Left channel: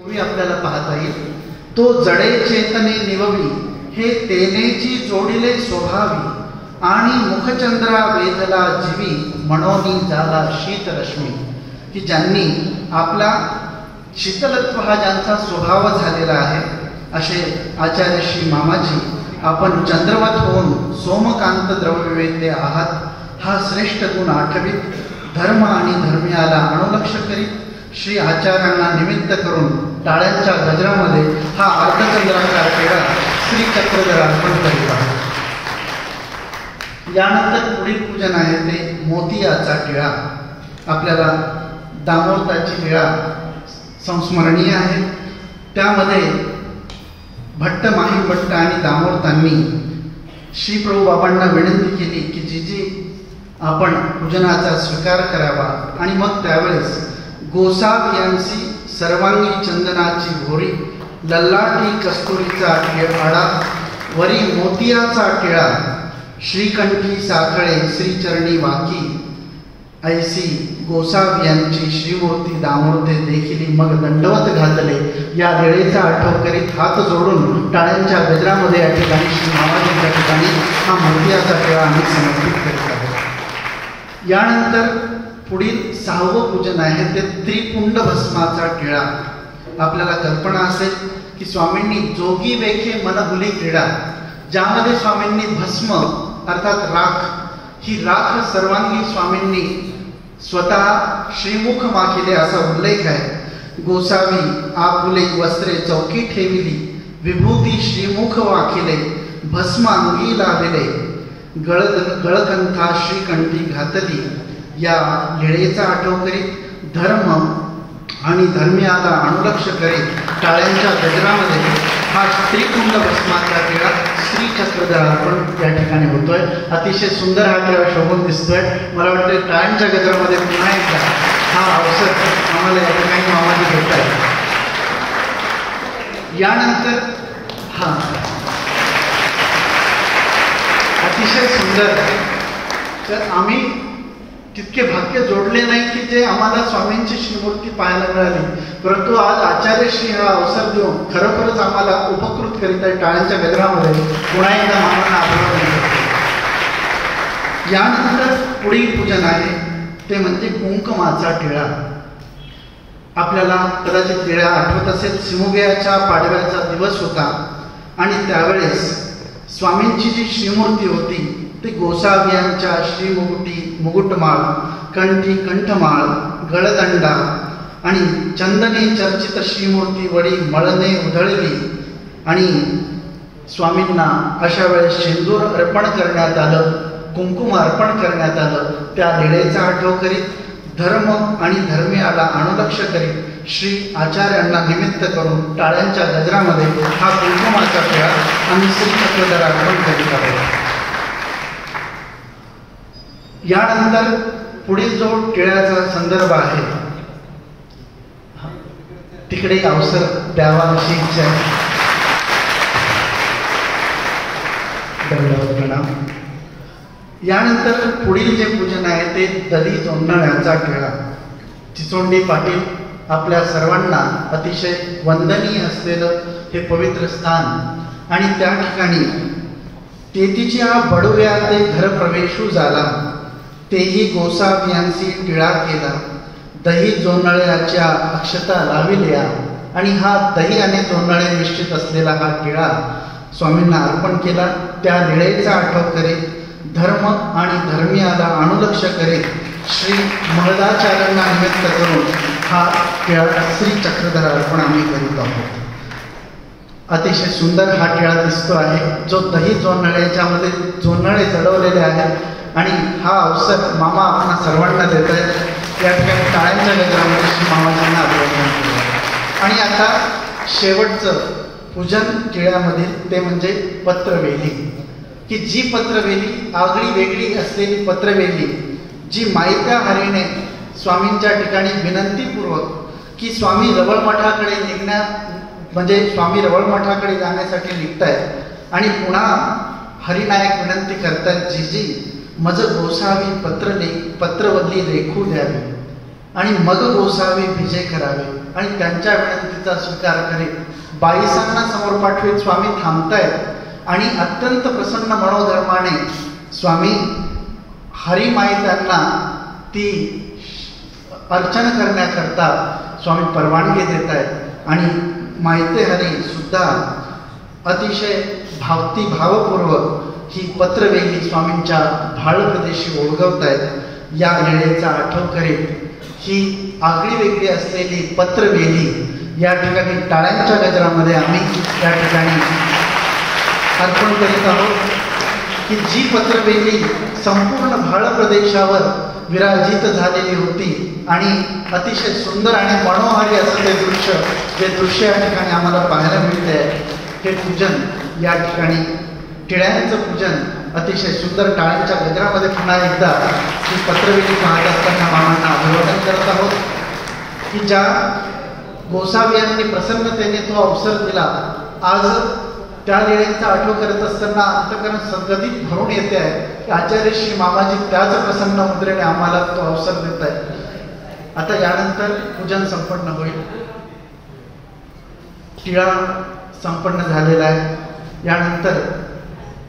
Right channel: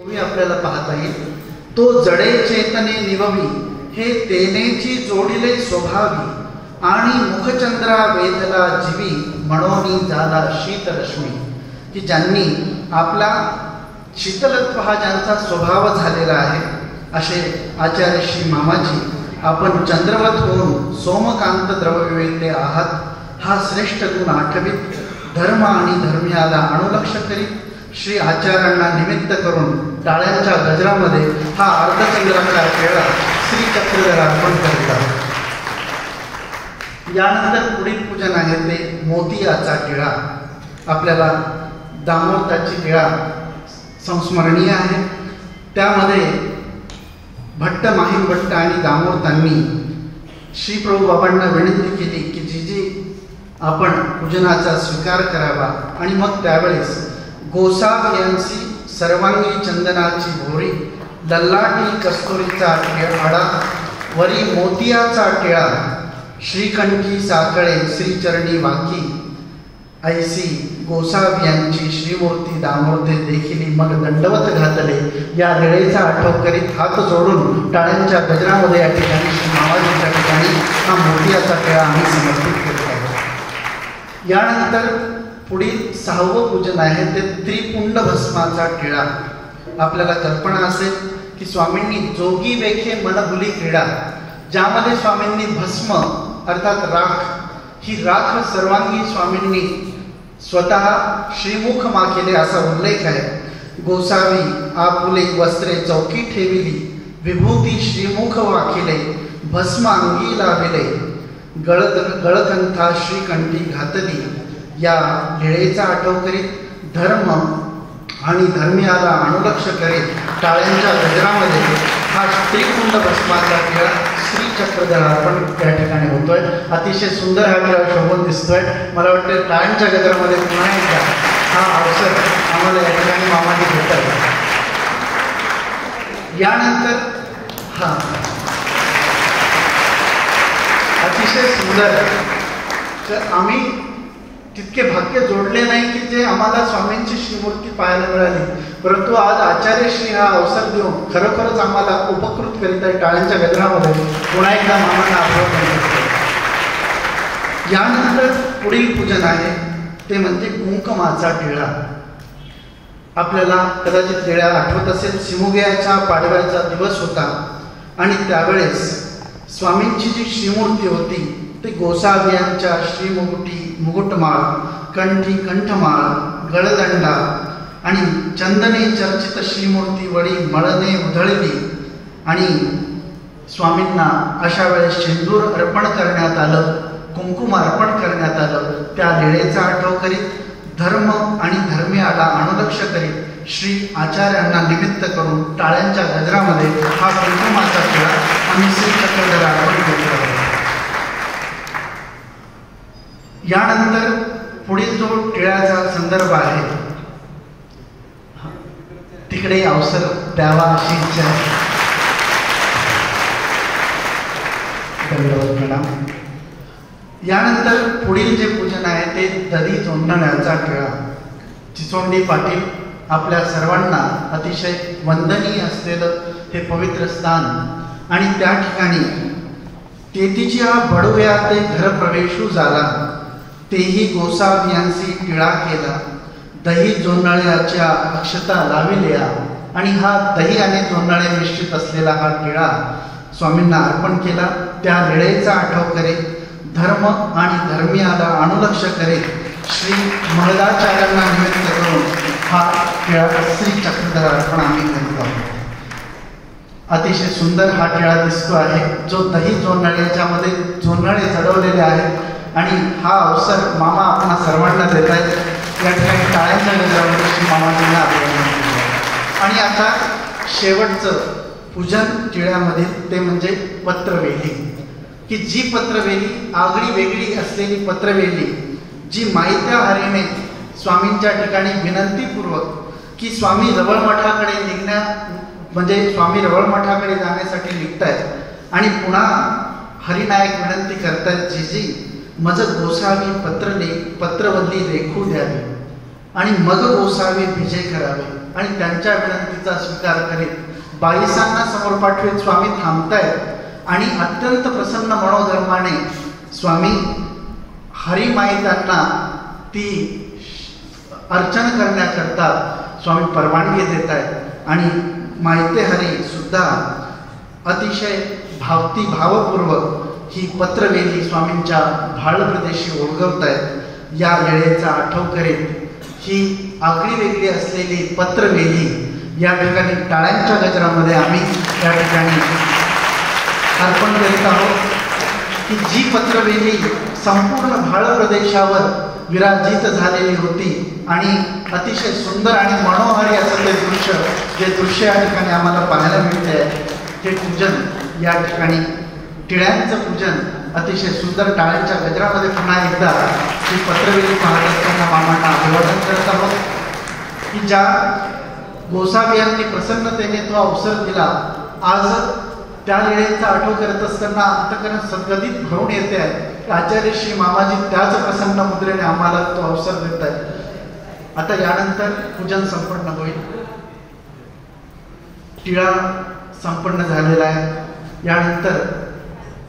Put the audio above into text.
आपल्याला पाहता येईल. तो जडे चेतने निववी हे तेनेची जोडिले स्वभावी आणि मुखचंद्रा वेधला जीवी म्हणून झाला शीतरश्मी. की ज्यांनी आपला शीतलत्व हा ज्यांचा स्वभाव झालेला आहे असे आचार्य श्री मामाजी आपण चंद्रवत होऊन सोमकांत द्रव्यवेद्य आहात. हा श्रेष्ठ गुण आठवीत धर्म आणि धर्मियाला अनुलक्ष करीत श्री आचार्यांना निमित्त करून टाळ्यांच्या गजरामध्ये हा अर्धचंद्राचा खेळा श्री चक्रधर अर्पण करीत आहे. यानंतर पुढील पूजन आहे ते मोतियाचा टिळा. आपल्याला दामोदराची टिळा संस्मरणीय आहे. त्यामध्ये भट्ट माहीम भट्ट आणि दामोदरांनी श्री प्रभू बाबांना विनंती केली की जी आपण पूजनाचा स्वीकार करावा आणि मग त्यावेळेस गोसावियांची सर्वांगी चंदनाची भोरी लल्लाटी कस्तुरीचा आडा वरी मोतियाचा टिळा श्रीकंठी साखळे श्रीचरणी वाकी ऐसी गोसावियांची श्रीमूर्ती दामोदर देखील मग दंडवत घातले. या वेळेचा आठव करीत हात जोडून टाळ्यांच्या गजरामध्ये या ठिकाणी श्री मामाजींच्या ठिकाणी हा मोतियाचा टिळा आम्ही समर्पित करत आहोत. यानंतर पुढील 6वं पूजन आहे ते त्रिपुंड भस्माचा टिळा. आपल्याला कल्पना असेल की स्वामींनी जोगी वेखे मनहुली क्रीडा, ज्यामध्ये स्वामींनी भस्म अर्थात राख, ही राख सर्वांगी स्वामींनी स्वतः श्रीमुख माखिले असा उल्लेख आहे. गोसावी आपुले वस्त्रे चौकी ठेविली विभूती श्रीमुख वाखिले भस्म अंगी लाविले गळकंथा श्रीकंठी घातली. या लीळेचा आठव करीत धर्म आणि धर्मियाला अनुलक्ष करीत टाळ्यांच्या गजरामध्ये हा त्रिपुंड भस्माचा टिळा श्री चक्रधर अर्पण या ठिकाणी होतोय. अतिशय सुंदर हा टिळा शोभून दिसतोय. मला वाटतं टाळ्यांच्या गजरामध्ये पुन्हा एकदा हा अवसर आम्हाला या ठिकाणी मामाजी भेटत आहे. यानंतर हा अतिशय सुंदर, तर आम्ही तितके भाग्य जोडले नाही की जे आम्हाला स्वामींची श्रीमूर्ती पाहायला मिळाली, परंतु आज आचार्यश्री हा अवसर देऊन खरोखरच आम्हाला उपकृत करीत आहे. टाळ्यांच्या गजरामध्ये पुन्हा एकदा मामांना अभिवादन करतो. यानंतर पुढील पूजन आहे ते म्हणजे कुंकुमाचा टिळा. आपल्याला कदाचित टिळा आठवत असेल, सिमुग्याच्या पाडव्याचा दिवस होता आणि त्यावेळेस स्वामींची जी श्रीमूर्ती होती ते गोसावियांच्या श्रीमुकुटी मुकुटमाळ कंठी कंठमाळ गळदंडा आणि चंदने चर्चित श्रीमूर्ती वडी मळने उधळली आणि स्वामींना अशा वेळेस शेंदूर अर्पण करण्यात आलं, कुंकुम अर्पण करण्यात आलं. त्या लीळेचा आठव करीत धर्म आणि धर्मियाला अनुलक्ष करीत श्री आचार्यांना निमित्त करून टाळ्यांच्या गजरामध्ये हा कुंकुमाचा टिळा आम्ही श्री चक्रधर अर्पण करीत आहोत. यानंतर पुढील जो टिळ्याचा संदर्भ आहे तिकडे अवसर द्यावा अशी इच्छा आहे. प्रणाम. यानंतर पुढील जे पूजन आहे ते दधी जोंधण्याचा टिळा. चिचोंडी पाटील आपल्या सर्वांना अतिशय वंदनीय असलेलं हे पवित्र स्थान आणि त्या ठिकाणी तेतीच्या बडव्या ते घर प्रवेशू झाला तेही गोसावियांची टिळा केला दही जोंधळ्याच्या अक्षता लाविल्या. आणि हा दही आणि जोंधळे निश्चित असलेला हा टिळा स्वामींना अर्पण केला. त्या लीळेचा आठव करीत धर्म आणि धर्मियाला अनुलक्ष करीत श्री महदाचार्यांना निमित्त करून हा टिळा श्री चक्रधर अर्पण आम्ही करीत आहोत. अतिशय सुंदर हा टिळा दिसतो आहे जो दही जोंधळ्याच्या मध्ये जोंधळे चढवलेले आहेत आणि हा अवसर मामा आपणा सर्वांना देत आहेत. या ठिकाणी टाळ्यांच्या गजरामध्ये श्री मामाजींना अभिवादन केलं. आणि आता शेवटचं पूजन टिळ्यामधील ते म्हणजे पत्रवेली. की जी पत्रवेली आगळी वेगळी असलेली पत्रवेली जी मायत्या हरीने स्वामींच्या ठिकाणी विनंतीपूर्वक की स्वामी रवळ मठाकडे म्हणजे स्वामी रवळ मठाकडे जाण्यासाठी निघतायत आणि पुन्हा हरिनायक विनंती करतायत जी मज गोसावी पत्रवल्ली रेखू द्यावी आणि मग गोसावी विजय करावे. आणि त्यांच्या विनंतीचा स्वीकार करीत बाईसांना समोर पाठवीत स्वामी थांबतायत आणि अत्यंत प्रसन्न मनोधर्माने स्वामी हरिमाई त्यांना ती अर्चना करण्याकरता स्वामी परवानगी देत आहेत आणि माहिती हरी सुद्धा अतिशय भावपूर्वक ही पत्रवेली स्वामींच्या भाळ प्रदेशी ओळखवत आहेत। या वेळेचा आठव करीत ही आगळी वेगळी असलेली पत्रवेली या ठिकाणी टाळ्यांच्या गजरामध्ये आम्ही या ठिकाणी अर्पण करीत आहोत की जी पत्रवेली संपूर्ण भाळ प्रदेशावर विराजित झालेली होती आणि अतिशय सुंदर आणि मनोहारी असं जे दृश्य या ठिकाणी आम्हाला पाहायला मिळते आहे। हे पूजन या ठिकाणी टिळ्यांचं पूजन अतिशय सुंदर टाळ्यांच्या गजरामध्ये पुन्हा एकदा ही पत्रवेली पाहत असताना मामांना अभिवादन करत आहोत की ज्या गोसावी प्रसन्नतेने तो अवसर दिला, आज त्या वेळेचा आठव करत असताना अंतकरण सद्गदित भरून येते आहे की आचार्य श्री मामाजी त्याच प्रसन्न मुद्रेने आम्हाला तो अवसर देत आहेत। आता यानंतर पूजन संपन्न होईल, टिळा संपन्न झालेला आहे। यानंतर